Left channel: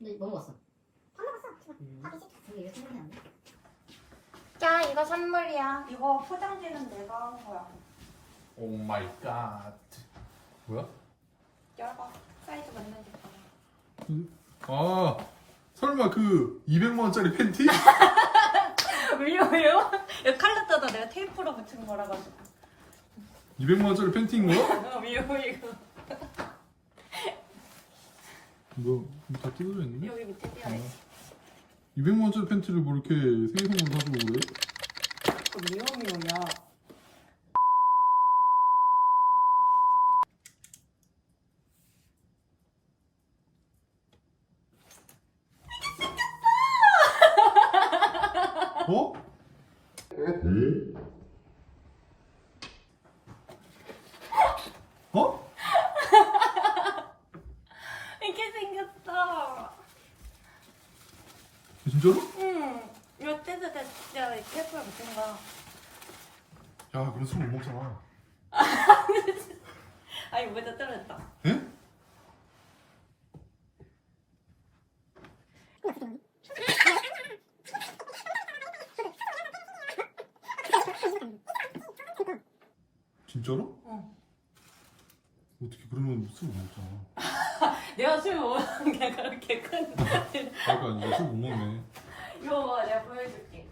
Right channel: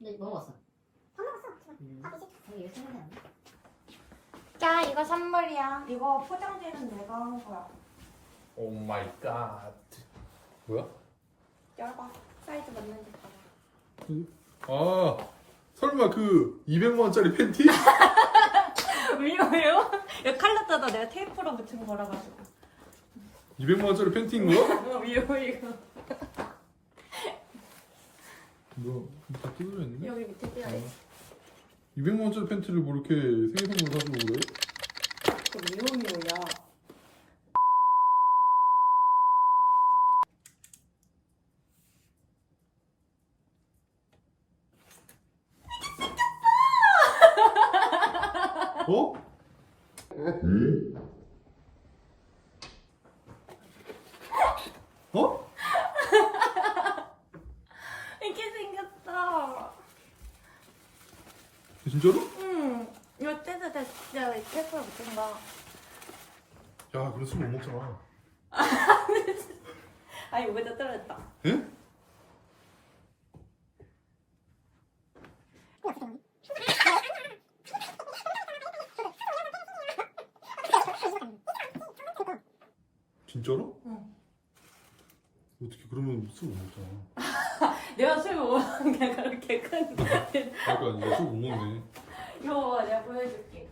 근데 뭐 먹었어? 다 먹었어. 음. 다 드실. 근데 이거 생각이 안 나. 야 이거 선물이야. 이거 포장지는 내가 한 거야. 오 마이 갓. 뭐야? 열어. 사이즈 맞는 거 봐라. 아 설마 그 200만 원짜리 팬티? 미워요? 야 칼라tada 내가 테이프로 붙인 거라 가지고. 200만 원짜리 팬티인 거야? 어 미워 이거. 뭐다 뜯어져 있는데? 여기 밑에 띄어 아, 있어. 200만 원짜리 팬티를 뭐 이렇게 생일 선물로 사주고 그래? 그 미워 미워야. 어? 어? 이렇게 생겼어. 진짜로? 응. 돼. 내가 이 테이프로 붙인 거. 야 그럼 술 못 먹잖아 아 이거보다 떨어졌다. 에? 진짜로? 응. 어떻게 그러면 술 못 먹잖아 내가 술 먹는 게 그렇게 큰. 그러니까 이제 술 못 먹네 이거 봐, 내가 보여줄게.